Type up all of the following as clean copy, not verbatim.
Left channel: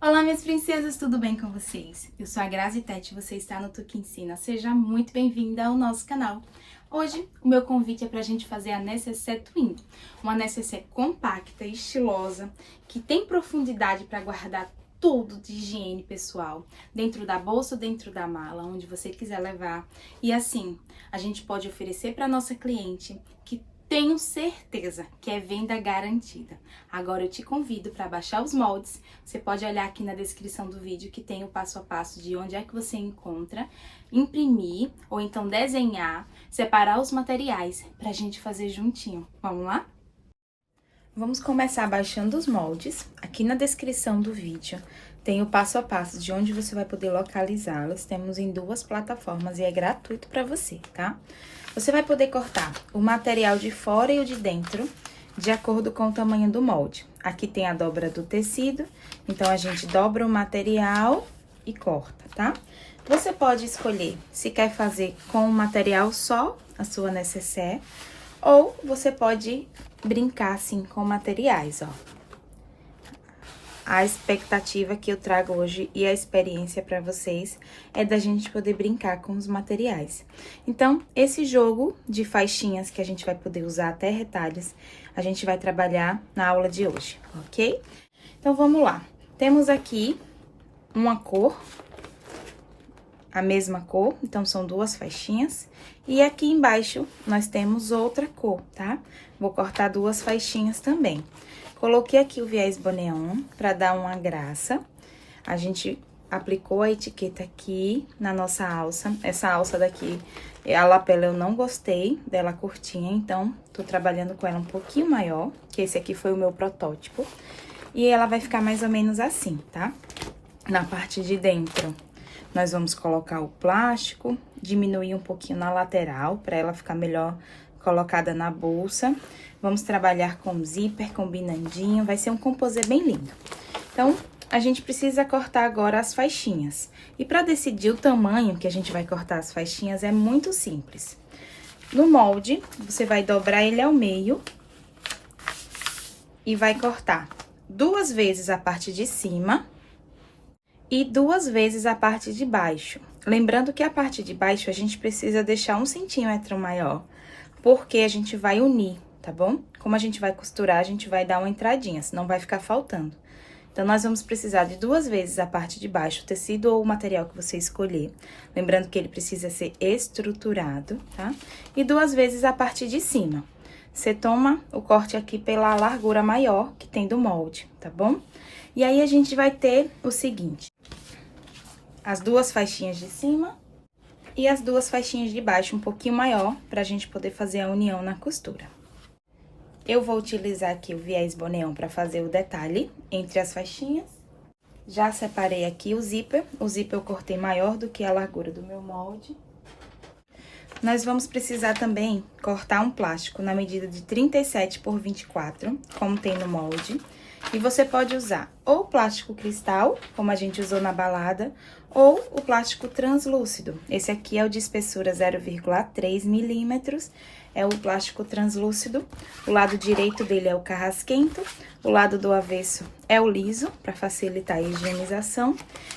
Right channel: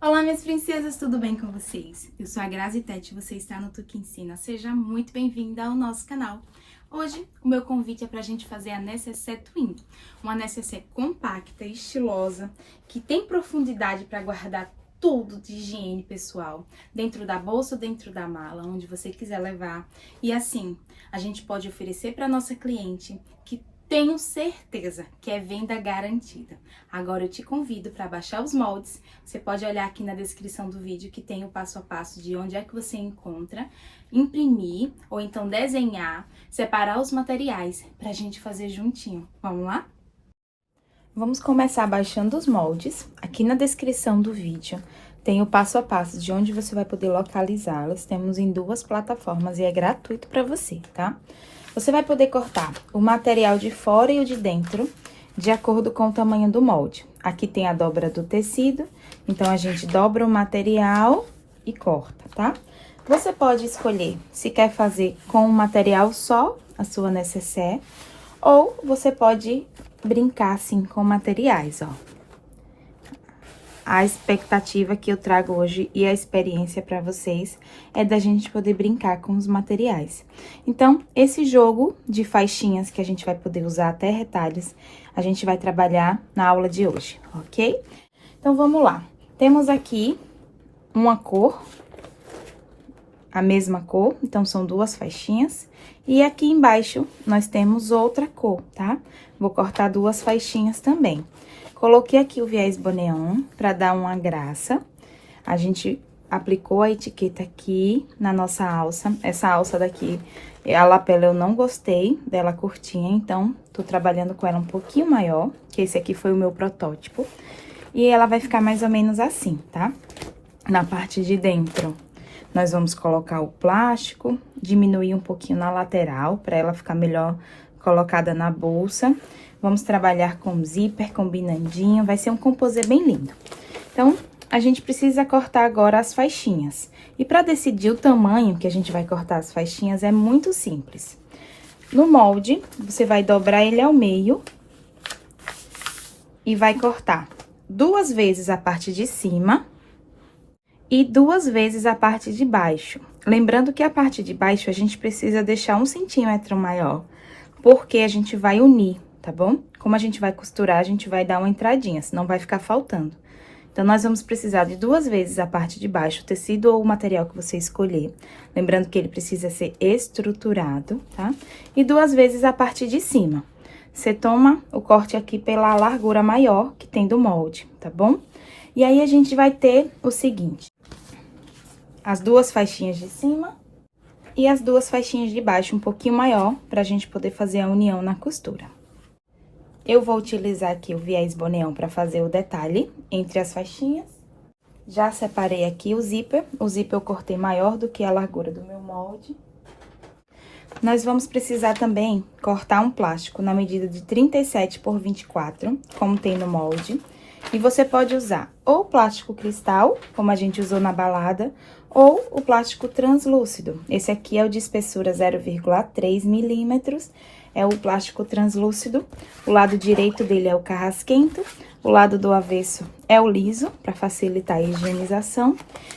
Olá, minhas princesas, tudo bem com vocês? Eu sou a Grazi Tete e você está no Tu Que Ensina. Seja muito bem-vinda ao nosso canal. Hoje, o meu convite é para a gente fazer a nécessaire twin, uma nécessaire compacta, estilosa, que tem profundidade para guardar tudo de higiene pessoal, dentro da bolsa, dentro da mala, onde você quiser levar. E assim, a gente pode oferecer para nossa cliente que tenho certeza que é venda garantida. Agora eu te convido para baixar os moldes. Você pode olhar aqui na descrição do vídeo que tem o passo a passo de onde é que você encontra, imprimir ou então desenhar, separar os materiais para a gente fazer juntinho. Vamos lá? Vamos começar baixando os moldes. Aqui na descrição do vídeo tem o passo a passo de onde você vai poder localizá-los. Temos em 2 plataformas e é gratuito para você, tá? Você vai poder cortar o material de fora e o de dentro, de acordo com o tamanho do molde. Aqui tem a dobra do tecido, então a gente dobra o material e corta, tá? Você pode escolher se quer fazer com o material só, a sua nécessaire, ou você pode brincar assim com materiais, ó. A expectativa que eu trago hoje e a experiência para vocês é da gente poder brincar com os materiais. Então, esse jogo de faixinhas que a gente vai poder usar até retalhos, a gente vai trabalhar na aula de hoje, ok? Então, vamos lá. Temos aqui uma cor, a mesma cor, então são 2 faixinhas. E aqui embaixo nós temos outra cor, tá? Vou cortar 2 faixinhas também. Coloquei aqui o viés boneon para dar uma graça. A gente aplicou a etiqueta aqui na nossa alça. Essa alça daqui, a lapela eu não gostei dela curtinha, então tô trabalhando com ela um pouquinho maior, que esse aqui foi o meu protótipo. E ela vai ficar mais ou menos assim, tá? Na parte de dentro, nós vamos colocar o plástico, diminuir um pouquinho na lateral, para ela ficar melhor colocada na bolsa. Vamos trabalhar com zíper combinandinho, vai ser um composê bem lindo. Então, a gente precisa cortar agora as faixinhas. E para decidir o tamanho que a gente vai cortar as faixinhas é muito simples. No molde, você vai dobrar ele ao meio e vai cortar 2 vezes a parte de cima e 2 vezes a parte de baixo. Lembrando que a parte de baixo a gente precisa deixar 1 centímetro maior, porque a gente vai unir, tá bom? Como a gente vai costurar, a gente vai dar uma entradinha, senão vai ficar faltando. Então, nós vamos precisar de 2 vezes a parte de baixo, o tecido ou o material que você escolher. Lembrando que ele precisa ser estruturado, tá? E 2 vezes a parte de cima. Você toma o corte aqui pela largura maior que tem do molde, tá bom? E aí, a gente vai ter o seguinte: as 2 faixinhas de cima e as 2 faixinhas de baixo, um pouquinho maior, pra gente poder fazer a união na costura. Eu vou utilizar aqui o viés boneon para fazer o detalhe entre as faixinhas. Já separei aqui o zíper eu cortei maior do que a largura do meu molde. Nós vamos precisar também cortar um plástico na medida de 37 por 24, como tem no molde. E você pode usar ou plástico cristal, como a gente usou na balada, ou o plástico translúcido. Esse aqui é o de espessura 0,3 milímetros, é o plástico translúcido. O lado direito dele é o carrasquento, o lado do avesso é o liso, para facilitar a higienização.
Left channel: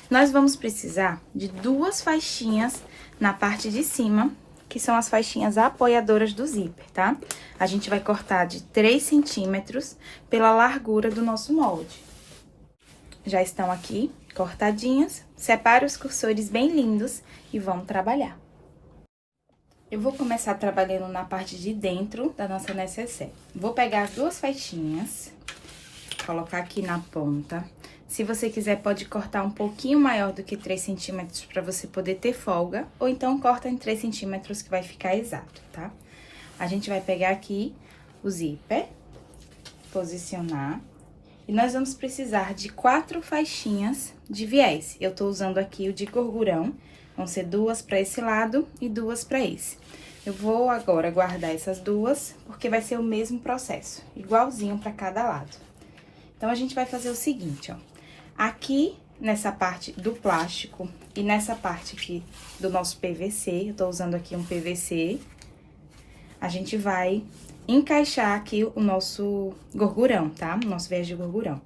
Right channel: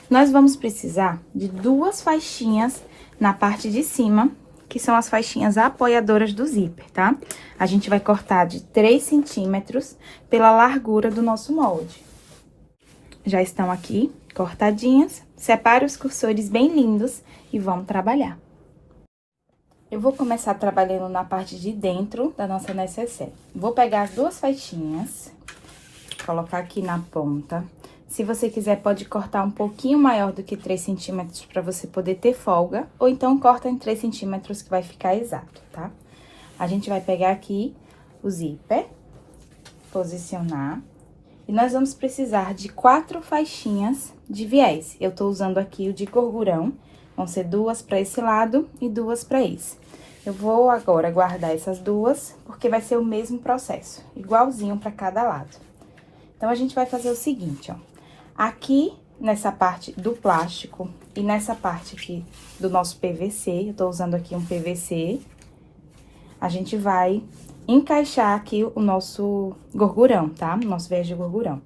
Nós vamos precisar de 2 faixinhas na parte de cima, que são as faixinhas apoiadoras do zíper, tá? A gente vai cortar de 3 centímetros pela largura do nosso molde. Já estão aqui cortadinhas. Separe os cursores bem lindos e vamos trabalhar. Eu vou começar trabalhando na parte de dentro da nossa nécessaire. Vou pegar as 2 faixinhas, colocar aqui na ponta. Se você quiser, pode cortar um pouquinho maior do que 3 centímetros para você poder ter folga, ou então corta em 3 centímetros que vai ficar exato, tá? A gente vai pegar aqui o zíper, posicionar, e nós vamos precisar de 4 faixinhas de viés. Eu tô usando aqui o de gorgurão, vão ser 2 para esse lado e 2 para esse. Eu vou agora guardar essas 2, porque vai ser o mesmo processo, igualzinho para cada lado. Então, a gente vai fazer o seguinte, ó. Aqui, nessa parte do plástico e nessa parte aqui do nosso PVC, eu tô usando aqui um PVC, a gente vai encaixar aqui o nosso gorgurão, tá? O nosso viés de gorgurão.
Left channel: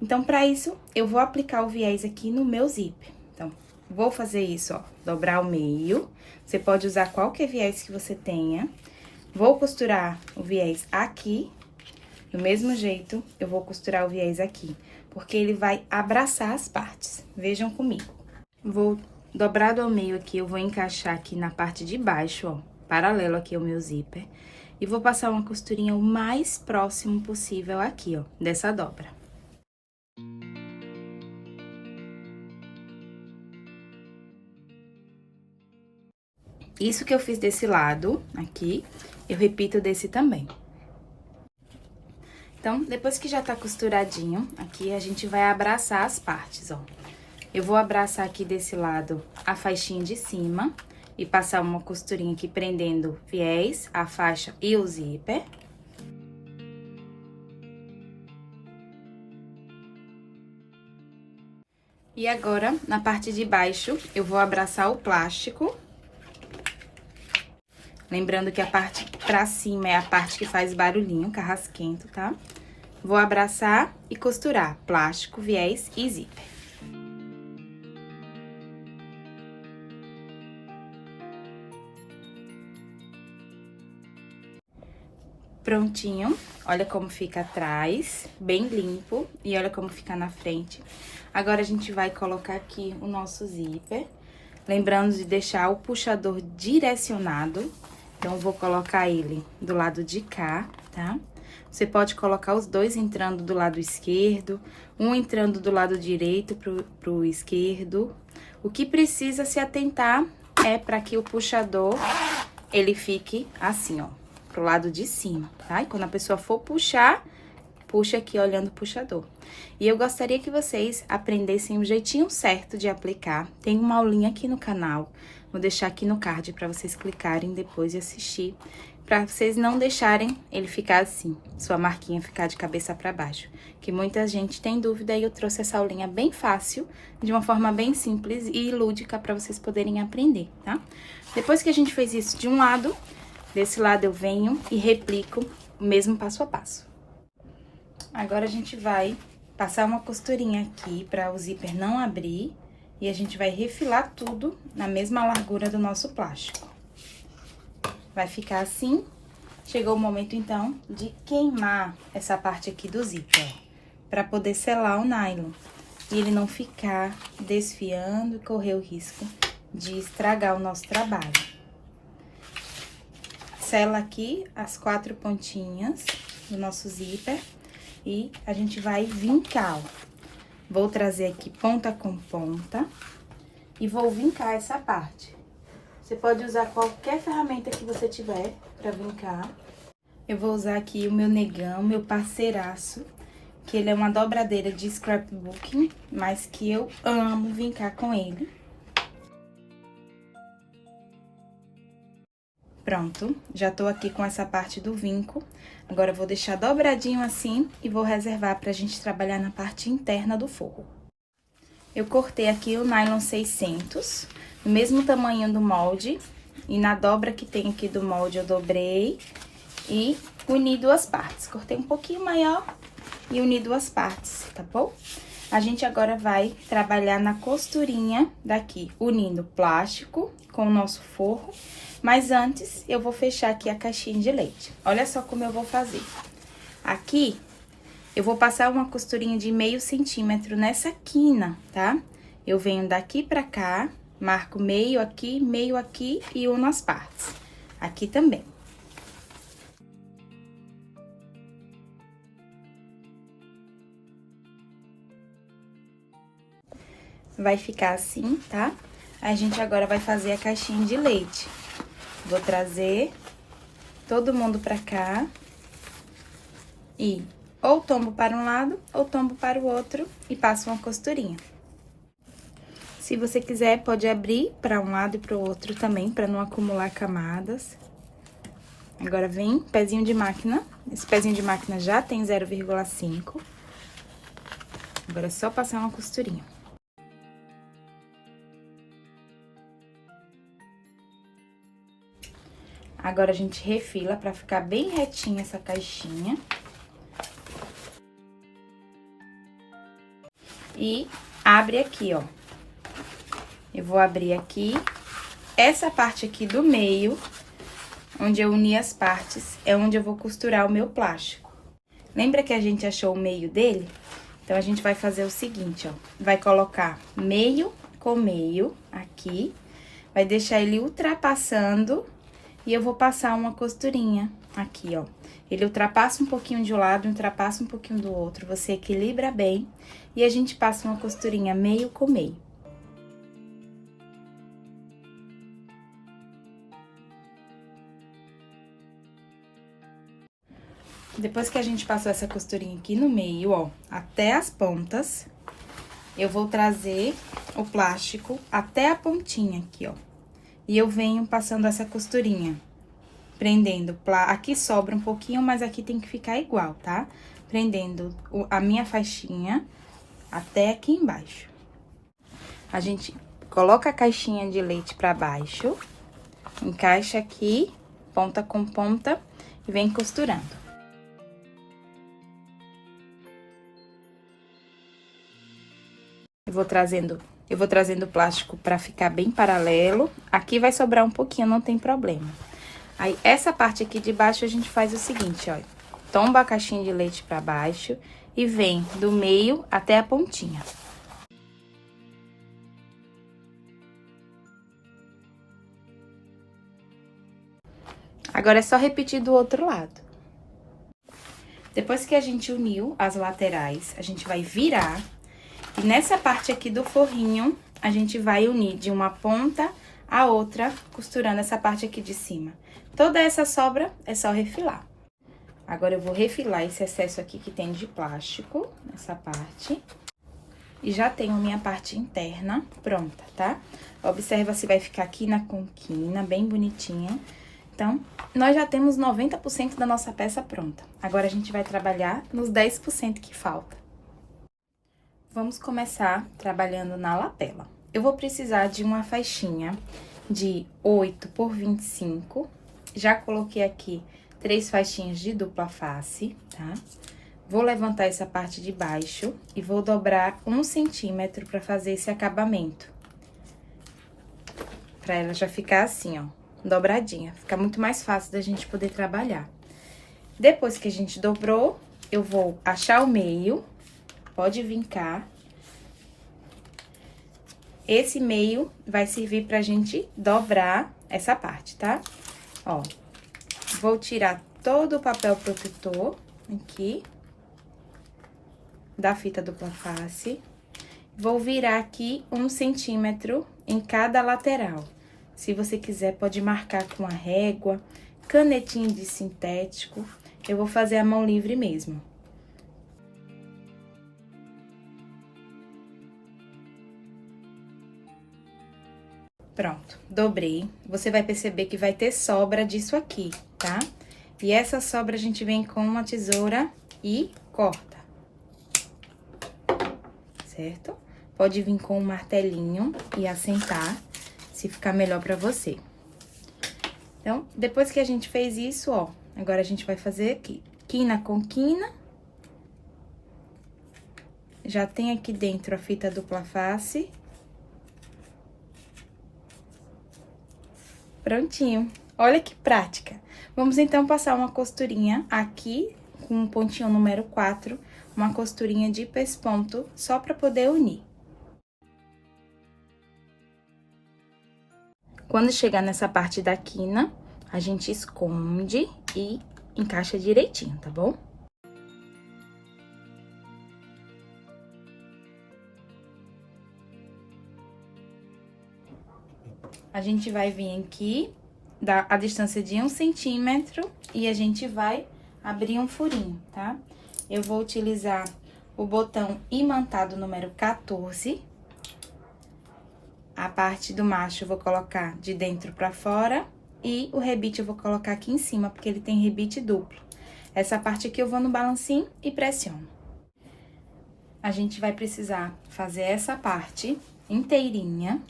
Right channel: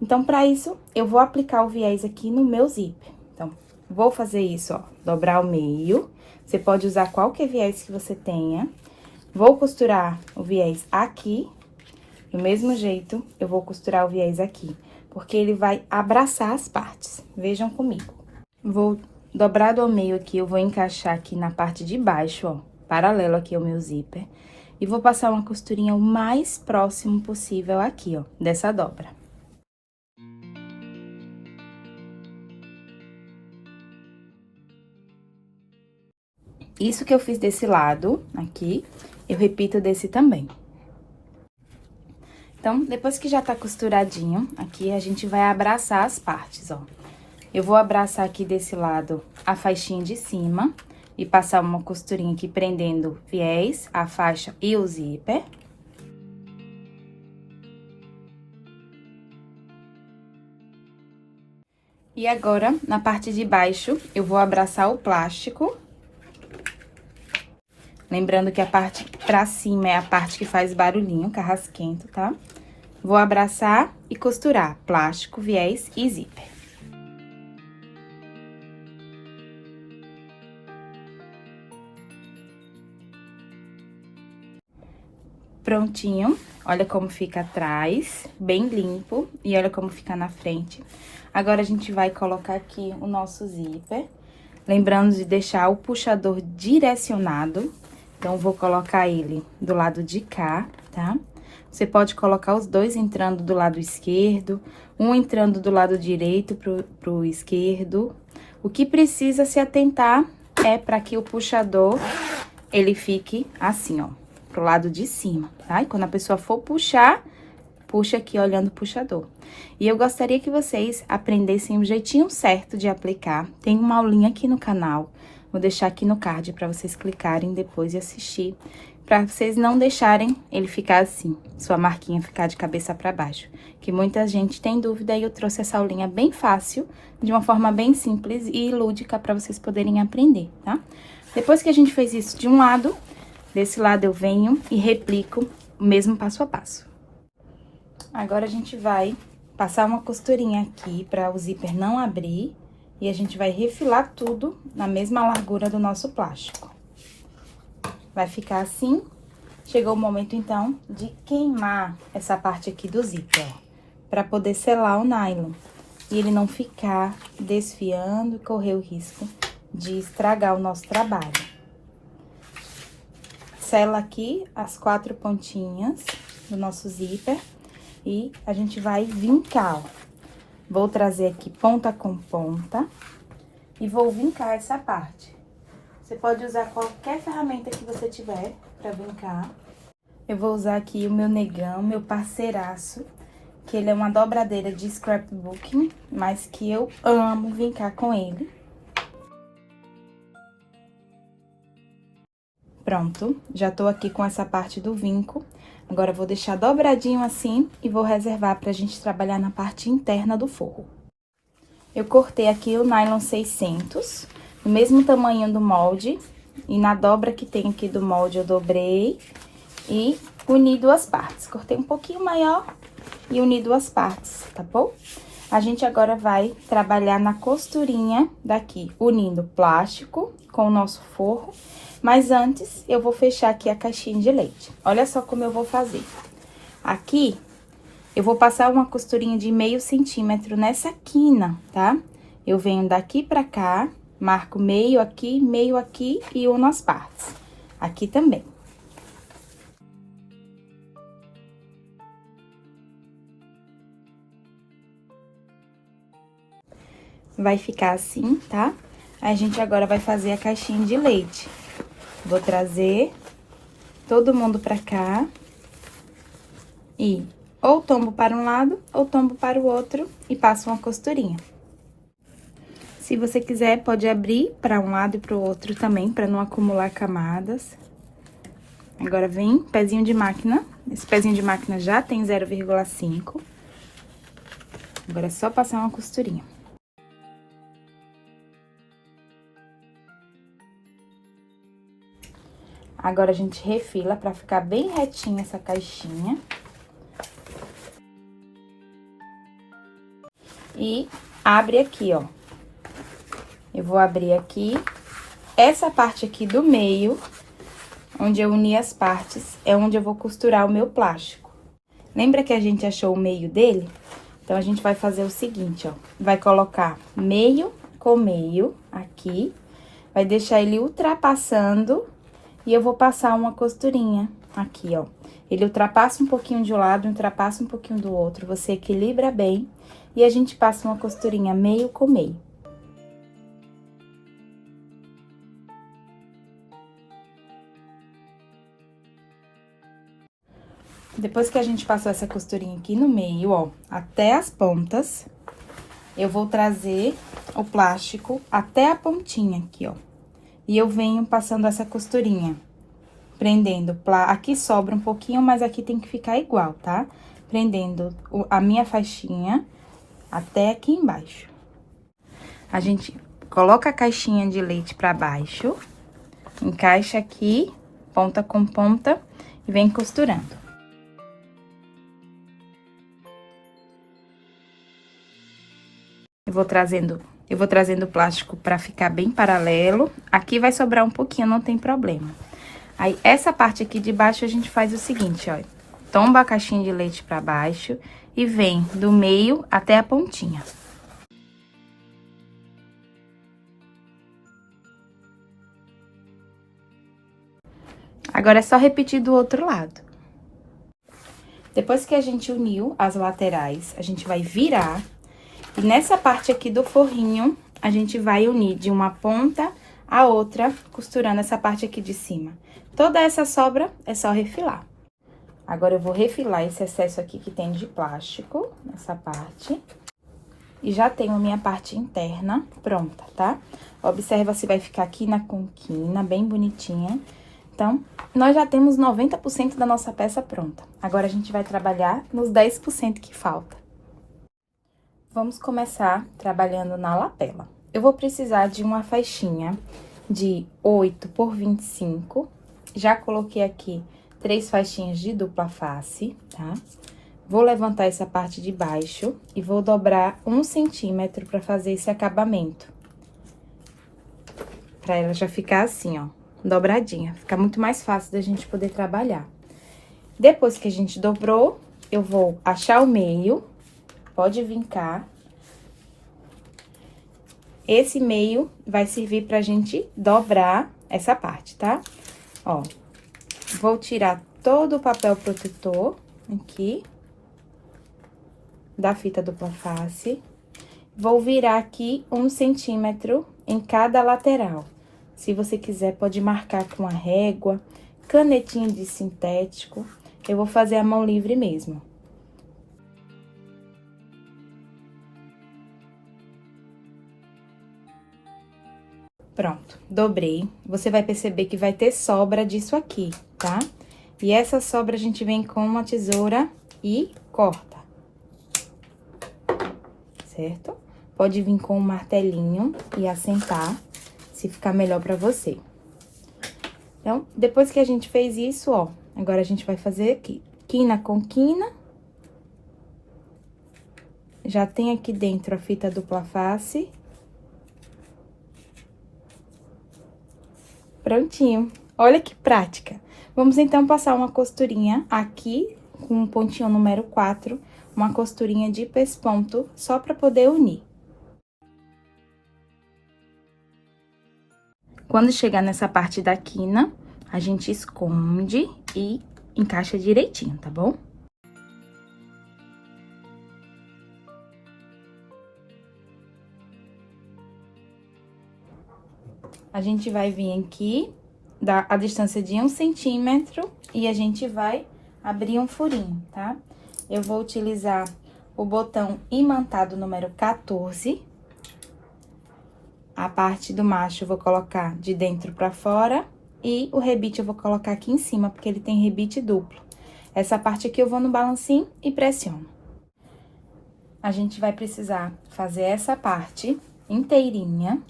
Então, pra isso, eu vou aplicar o viés aqui no meu zíper. Então, vou fazer isso, ó, dobrar o meio. Você pode usar qualquer viés que você tenha. Vou costurar o viés aqui. Do mesmo jeito, eu vou costurar o viés aqui, porque ele vai abraçar as partes. Vejam comigo. Vou dobrado ao meio aqui, eu vou encaixar aqui na parte de baixo, ó, paralelo aqui ao meu zíper. E vou passar uma costurinha o mais próximo possível aqui, ó, dessa dobra. Isso que eu fiz desse lado aqui, eu repito desse também. Então, depois que já tá costuradinho, aqui a gente vai abraçar as partes, ó. Eu vou abraçar aqui desse lado a faixinha de cima e passar uma costurinha aqui prendendo viés, a faixa e o zíper. E agora, na parte de baixo, eu vou abraçar o plástico. Lembrando que a parte pra cima é a parte que faz barulhinho, carrasquento, tá? Vou abraçar e costurar plástico, viés e zíper. Prontinho, olha como fica atrás, bem limpo, e olha como fica na frente. Agora, a gente vai colocar aqui o nosso zíper, lembrando de deixar o puxador direcionado. Então, vou colocar ele do lado de cá, tá? Você pode colocar os dois entrando do lado esquerdo, um entrando do lado direito pro esquerdo. O que precisa se atentar é para que o puxador, ele fique assim, ó, pro lado de cima, tá? E quando a pessoa for puxar, puxa aqui olhando o puxador. E eu gostaria que vocês aprendessem o jeitinho certo de aplicar. Tem uma aulinha aqui no canal, vou deixar aqui no card para vocês clicarem depois e assistir, para vocês não deixarem ele ficar assim, sua marquinha ficar de cabeça para baixo. Que muita gente tem dúvida e eu trouxe essa aulinha bem fácil, de uma forma bem simples e lúdica para vocês poderem aprender, tá? Depois que a gente fez isso de um lado, desse lado eu venho e replico o mesmo passo a passo. Agora, a gente vai passar uma costurinha aqui para o zíper não abrir e a gente vai refilar tudo na mesma largura do nosso plástico. Vai ficar assim. Chegou o momento, então, de queimar essa parte aqui do zíper, ó, para poder selar o nylon e ele não ficar desfiando e correr o risco de estragar o nosso trabalho. Sela aqui as 4 pontinhas do nosso zíper e a gente vai vincar, ó. Vou trazer aqui ponta com ponta e vou vincar essa parte. Você pode usar qualquer ferramenta que você tiver pra vincar. Eu vou usar aqui o meu negão, meu parceiraço, que ele é uma dobradeira de scrapbooking, mas que eu amo vincar com ele. Pronto, já tô aqui com essa parte do vinco. Agora, eu vou deixar dobradinho assim e vou reservar pra gente trabalhar na parte interna do forro. Eu cortei aqui o nylon 600, do mesmo tamanho do molde, e na dobra que tem aqui do molde eu dobrei e uni 2 partes. Cortei um pouquinho maior e uni 2 partes, tá bom? A gente agora vai trabalhar na costurinha daqui, unindo plástico com o nosso forro. Mas antes, eu vou fechar aqui a caixinha de leite. Olha só como eu vou fazer. Aqui, eu vou passar uma costurinha de meio centímetro nessa quina, tá? Eu venho daqui pra cá, marco meio aqui e uno as partes. Aqui também. Vai ficar assim, tá? A gente agora vai fazer a caixinha de leite. Vou trazer todo mundo pra cá e ou tombo para um lado ou tombo para o outro e passo uma costurinha. Se você quiser, pode abrir para um lado e para o outro também, para não acumular camadas. Agora, vem pezinho de máquina. Esse pezinho de máquina já tem 0,5. Agora, é só passar uma costurinha. Agora, a gente refila pra ficar bem retinha essa caixinha. e abre aqui, ó. Eu vou abrir aqui. Essa parte aqui do meio, onde eu uni as partes, é onde eu vou costurar o meu plástico. Lembra que a gente achou o meio dele? Então, a gente vai fazer o seguinte, ó. Vai colocar meio com meio aqui, vai deixar ele ultrapassando e eu vou passar uma costurinha aqui, ó. Ele ultrapassa um pouquinho de um lado, ultrapassa um pouquinho do outro, você equilibra bem e a gente passa uma costurinha meio com meio. Depois que a gente passou essa costurinha aqui no meio, ó, até as pontas, eu vou trazer o plástico até a pontinha aqui, ó. E eu venho passando essa costurinha, prendendo, aqui sobra um pouquinho, mas aqui tem que ficar igual, tá? Prendendo a minha faixinha até aqui embaixo. A gente coloca a caixinha de leite pra baixo, encaixa aqui, ponta com ponta, e vem costurando. Eu vou trazendo o plástico pra ficar bem paralelo. Aqui vai sobrar um pouquinho, não tem problema. Aí, essa parte aqui de baixo, a gente faz o seguinte, ó. Tomba a caixinha de leite pra baixo e vem do meio até a pontinha. Agora, é só repetir do outro lado. Depois que a gente uniu as laterais, a gente vai virar. E nessa parte aqui do forrinho, a gente vai unir de uma ponta a outra, costurando essa parte aqui de cima. Toda essa sobra é só refilar. Agora, eu vou refilar esse excesso aqui que tem de plástico, nessa parte. E já tenho minha parte interna pronta, tá? Observa se vai ficar aqui na conquina, bem bonitinha. Então, nós já temos 90% da nossa peça pronta. Agora, a gente vai trabalhar nos 10% que falta. Vamos começar trabalhando na lapela. Eu vou precisar de uma faixinha de 8 por 25. Já coloquei aqui 3 faixinhas de dupla face, tá? Vou levantar essa parte de baixo e vou dobrar 1 centímetro pra fazer esse acabamento. Pra ela já ficar assim, ó, dobradinha. Fica muito mais fácil da gente poder trabalhar. Depois que a gente dobrou, eu vou achar o meio. Pode vincar. Esse meio vai servir pra gente dobrar essa parte, tá? Ó, vou tirar todo o papel protetor aqui da fita dupla face. Vou virar aqui 1 centímetro em cada lateral. Se você quiser, pode marcar com a régua, canetinha de sintético. Eu vou fazer a mão livre mesmo. Pronto, dobrei. Você vai perceber que vai ter sobra disso aqui, tá? E essa sobra a gente vem com uma tesoura e corta. Certo? Pode vir com um martelinho e assentar, se ficar melhor pra você. Então, depois que a gente fez isso, ó, agora a gente vai fazer aqui, quina com quina. Já tem aqui dentro a fita dupla face. Prontinho. Olha que prática. Vamos, então, passar uma costurinha aqui, com o pontinho número 4, uma costurinha de pesponto, só pra poder unir. Quando chegar nessa parte da quina, a gente esconde e encaixa direitinho, tá bom? A gente vai vir aqui, dar a distância de 1 centímetro e a gente vai abrir um furinho, tá? Eu vou utilizar o botão imantado número 14. A parte do macho eu vou colocar de dentro pra fora e o rebite eu vou colocar aqui em cima, porque ele tem rebite duplo. Essa parte aqui eu vou no balancinho e pressiono. A gente vai precisar fazer essa parte inteirinha,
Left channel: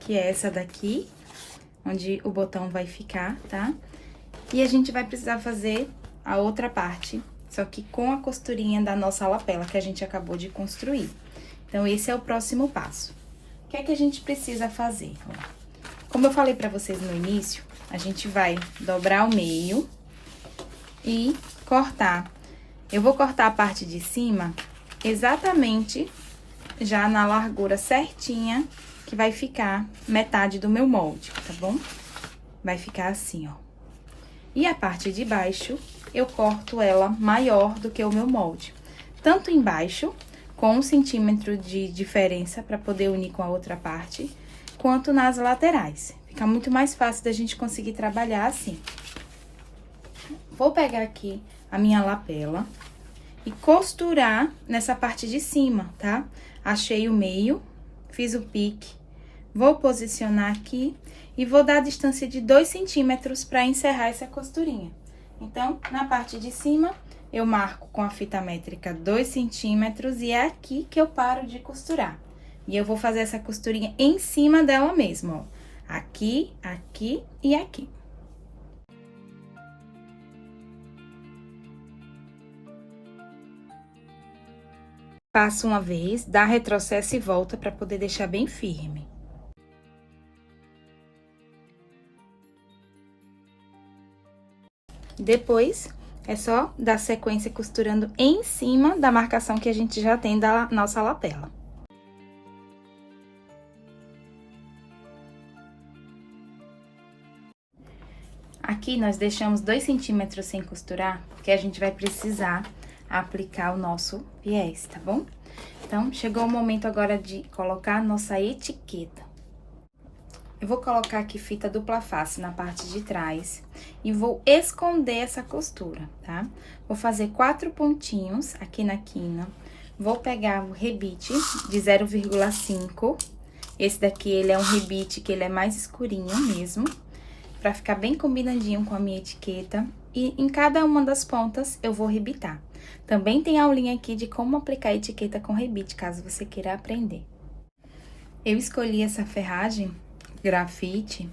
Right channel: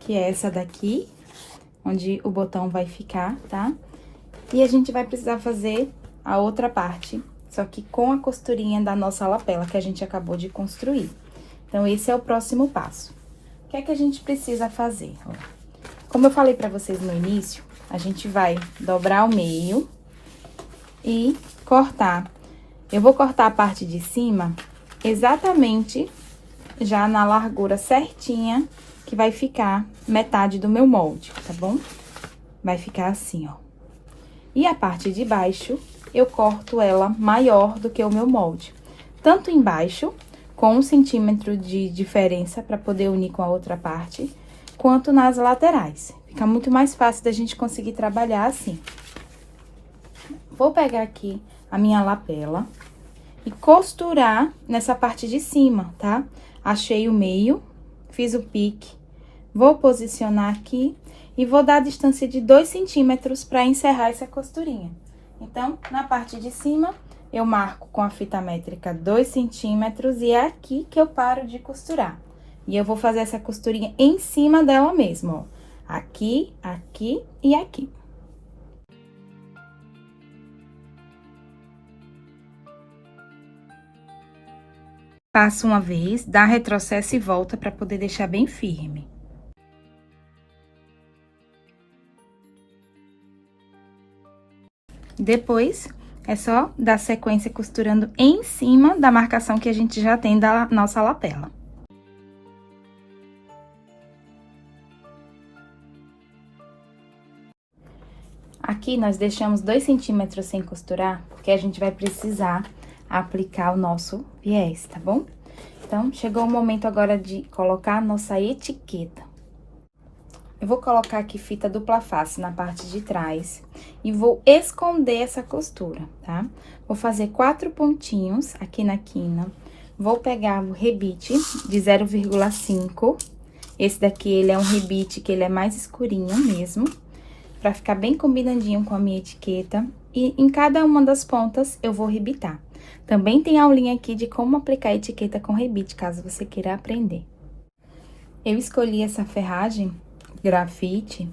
que é essa daqui, onde o botão vai ficar, tá? E a gente vai precisar fazer a outra parte só que com a costurinha da nossa lapela que a gente acabou de construir. Então, esse é o próximo passo. O que é que a gente precisa fazer? Como eu falei pra vocês no início, a gente vai dobrar ao meio e cortar. Eu vou cortar a parte de cima exatamente já na largura certinha, que vai ficar metade do meu molde, tá bom? Vai ficar assim, ó. E a parte de baixo, eu corto ela maior do que o meu molde. Tanto embaixo, com 1 centímetro de diferença para poder unir com a outra parte, quanto nas laterais. Fica muito mais fácil da gente conseguir trabalhar assim. Vou pegar aqui a minha lapela e costurar nessa parte de cima, tá? Achei o meio, fiz o pique, vou posicionar aqui e vou dar a distância de 2 centímetros para encerrar essa costurinha. Então, na parte de cima, eu marco com a fita métrica 2 centímetros e é aqui que eu paro de costurar. E eu vou fazer essa costurinha em cima dela mesmo, ó. Aqui, aqui e aqui. Passa uma vez, dá retrocesso e volta para poder deixar bem firme. Depois, é só dar sequência costurando em cima da marcação que a gente já tem da nossa lapela. Aqui, nós deixamos 2 centímetros sem costurar, porque a gente vai precisar aplicar o nosso viés, tá bom? Então, chegou o momento agora de colocar a nossa etiqueta. Eu vou colocar aqui fita dupla face na parte de trás e vou esconder essa costura, tá? Vou fazer 4 pontinhos aqui na quina. Vou pegar o rebite de 0,5. Esse daqui, ele é um rebite que ele é mais escurinho mesmo, pra ficar bem combinandinho com a minha etiqueta. E em cada uma das pontas, eu vou rebitar. Também tem aulinha aqui de como aplicar a etiqueta com rebite, caso você queira aprender. Eu escolhi essa ferragem grafite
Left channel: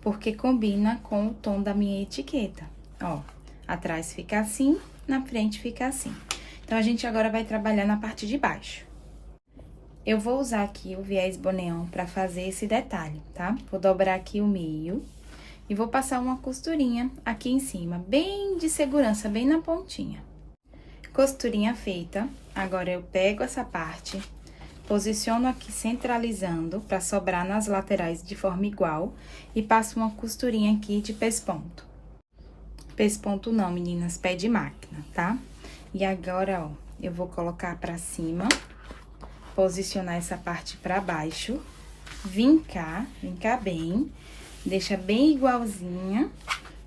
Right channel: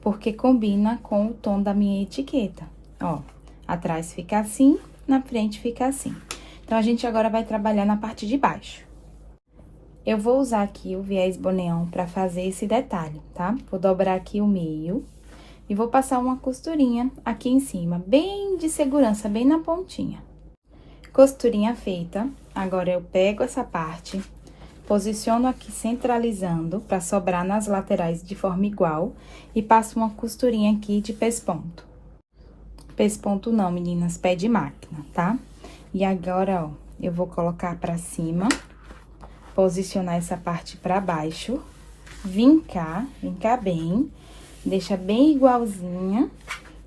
porque combina com o tom da minha etiqueta. Ó, atrás fica assim, na frente fica assim. Então, a gente agora vai trabalhar na parte de baixo. Eu vou usar aqui o viés boneão pra fazer esse detalhe, tá? Vou dobrar aqui o meio e vou passar uma costurinha aqui em cima, bem de segurança, bem na pontinha. Costurinha feita, agora eu pego essa parte, posiciono aqui centralizando pra sobrar nas laterais de forma igual e passo uma costurinha aqui de pesponto. Pesponto não, meninas, pé de máquina, tá? E agora, ó, eu vou colocar pra cima, posicionar essa parte pra baixo, vincar bem, deixa bem igualzinha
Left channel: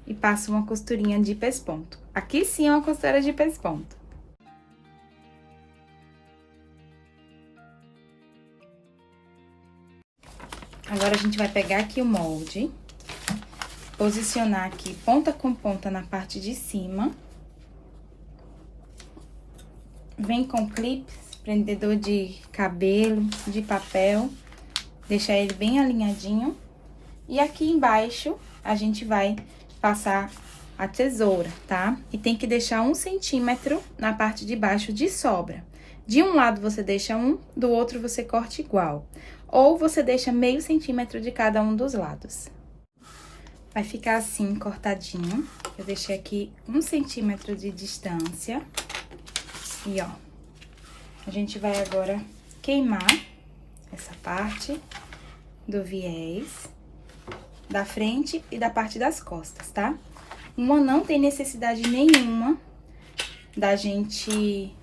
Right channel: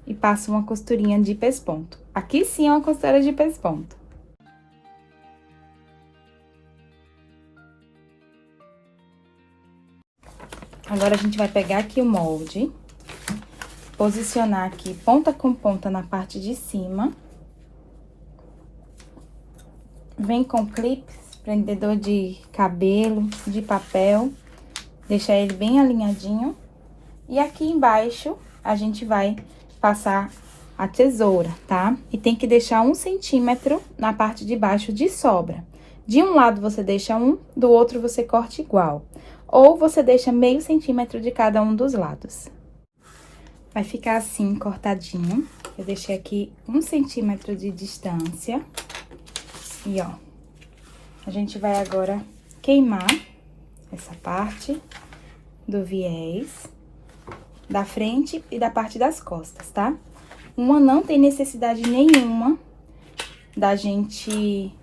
e passo uma costurinha de pesponto. Aqui sim é uma costura de pesponto. Agora, a gente vai pegar aqui o molde, posicionar aqui ponta com ponta na parte de cima. Vem com clips, prendedor de cabelo, de papel, deixar ele bem alinhadinho. E aqui embaixo, a gente vai passar a tesoura, tá? E tem que deixar 1 centímetro na parte de baixo de sobra. De um lado, você deixa 1, do outro, você corta igual. Ou você deixa meio centímetro de cada um dos lados. Vai ficar assim, cortadinho. Eu deixei aqui 1 centímetro de distância. E, ó, a gente vai agora queimar essa parte do viés da frente e da parte das costas, tá? Uma não tem necessidade nenhuma da gente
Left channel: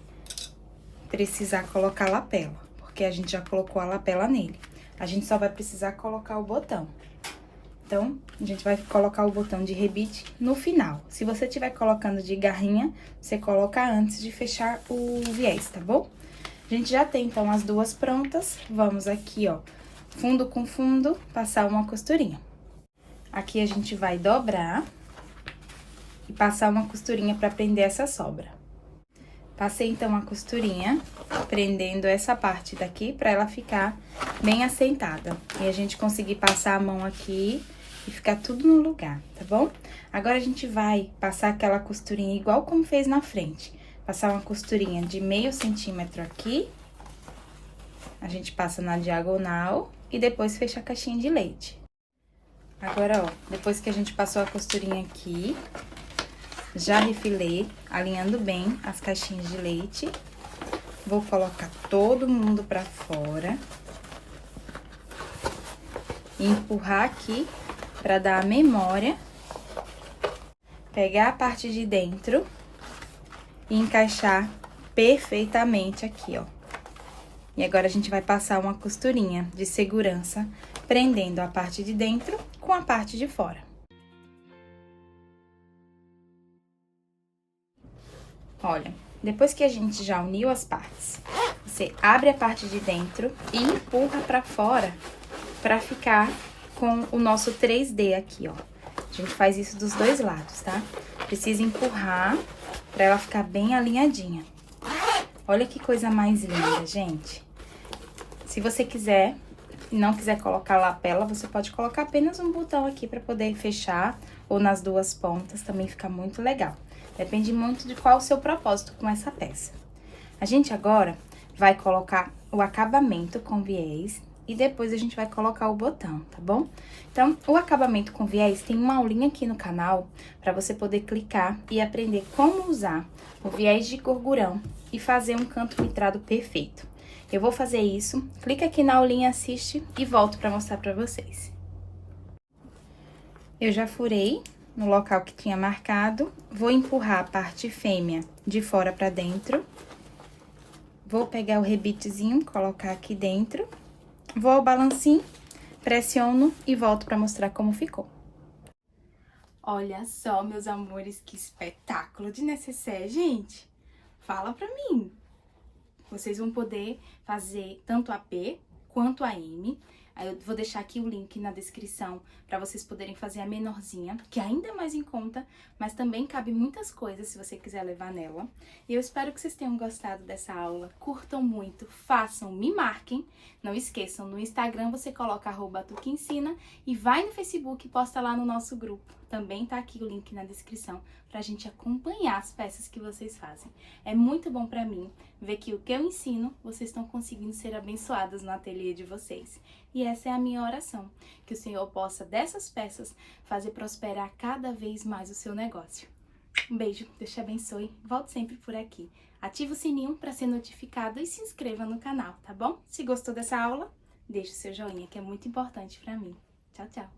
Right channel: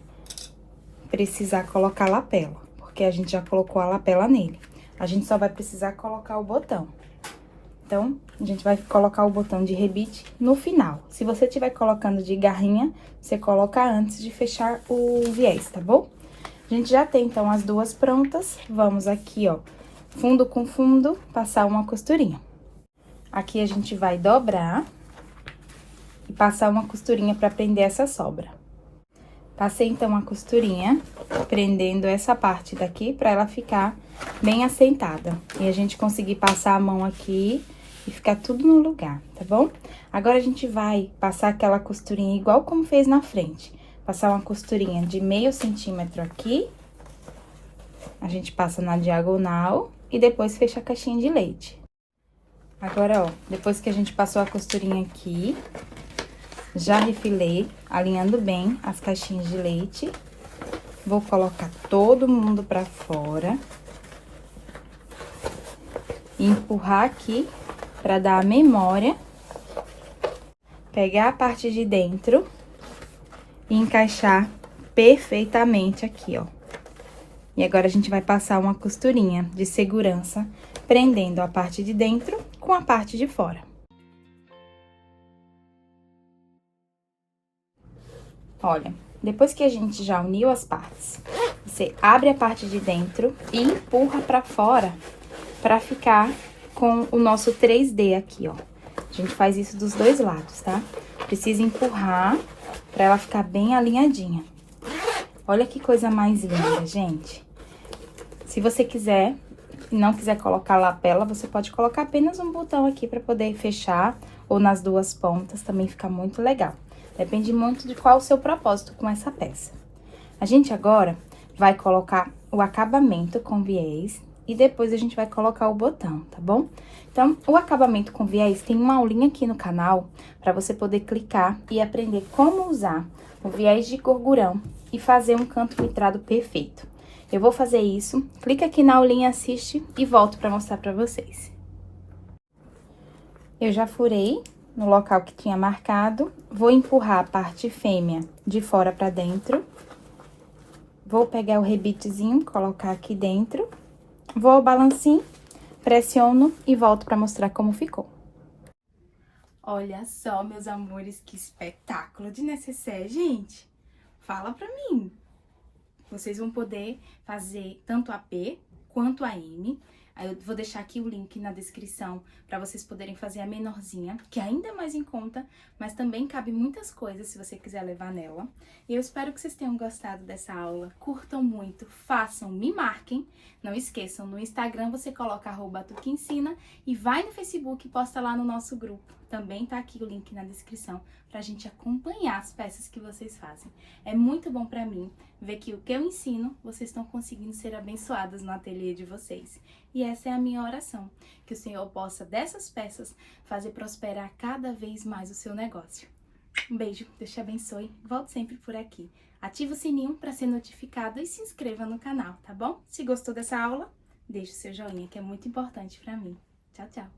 precisar colocar lapela, porque a gente já colocou a lapela nele. A gente só vai precisar colocar o botão. Então, a gente vai colocar o botão de rebite no final. Se você estiver colocando de garrinha, você coloca antes de fechar o viés, tá bom? A gente já tem, então, as duas prontas. Vamos aqui, ó, fundo com fundo, passar uma costurinha. Aqui a gente vai dobrar e passar uma costurinha pra prender essa sobra. Passei, então, a costurinha, prendendo essa parte daqui pra ela ficar bem assentada. E a gente conseguir passar a mão aqui e ficar tudo no lugar, tá bom? Agora, a gente vai passar aquela costurinha igual como fez na frente. Passar uma costurinha de meio centímetro aqui. A gente passa na diagonal e depois fecha a caixinha de leite. Agora, ó, depois que a gente passou a costurinha aqui, já refilei, alinhando bem as caixinhas de leite. Vou colocar todo mundo pra fora. E empurrar aqui pra dar a memória. Pegar a parte de dentro e encaixar perfeitamente aqui, ó. E agora a gente vai passar uma costurinha de segurança, prendendo a parte de dentro com a parte de fora. Olha, depois que a gente já uniu as partes, você abre a parte de dentro e empurra pra fora pra ficar com o nosso 3D aqui, ó. A gente faz isso dos dois lados, tá? Precisa empurrar pra ela ficar bem alinhadinha. Olha que coisa mais linda, gente. Se você quiser e não quiser colocar lapela, você pode colocar apenas um botão aqui pra poder fechar, ou nas duas pontas, também fica muito legal. Depende muito de qual o seu propósito com essa peça. A gente agora vai colocar o acabamento com viés e depois a gente vai colocar o botão, tá bom? Então, o acabamento com viés tem uma aulinha aqui no canal para você poder clicar e aprender como usar o viés de gorgurão e fazer um canto vitrado perfeito. Eu vou fazer isso, clica aqui na aulinha, assiste e volto para mostrar para vocês. Eu já furei no local que tinha marcado, vou empurrar a parte fêmea de fora para dentro. Vou pegar o rebitezinho, colocar aqui dentro. Vou ao balancinho, pressiono e volto para mostrar como ficou. Olha só, meus amores, que espetáculo de necessaire, gente. Fala pra mim. Vocês vão poder fazer tanto a P quanto a M. Aí eu vou deixar aqui o link na descrição para vocês poderem fazer a menorzinha, que ainda é mais em conta, mas também cabe muitas coisas se você quiser levar nela. E eu espero que vocês tenham gostado dessa aula, curtam muito, façam, me marquem. Não esqueçam, no Instagram você coloca @tuqueensina e vai no Facebook e posta lá no nosso grupo. Também tá aqui o link na descrição pra gente acompanhar as peças que vocês fazem. É muito bom pra mim ver que o que eu ensino, vocês estão conseguindo ser abençoadas no ateliê de vocês. E essa é a minha oração, que o Senhor possa, dessas peças, fazer prosperar cada vez mais o seu negócio. Um beijo, Deus te abençoe, volte sempre por aqui. Ative o sininho para ser notificado e se inscreva no canal, tá bom? Se gostou dessa aula, deixe o seu joinha, que é muito importante para mim. Tchau, tchau!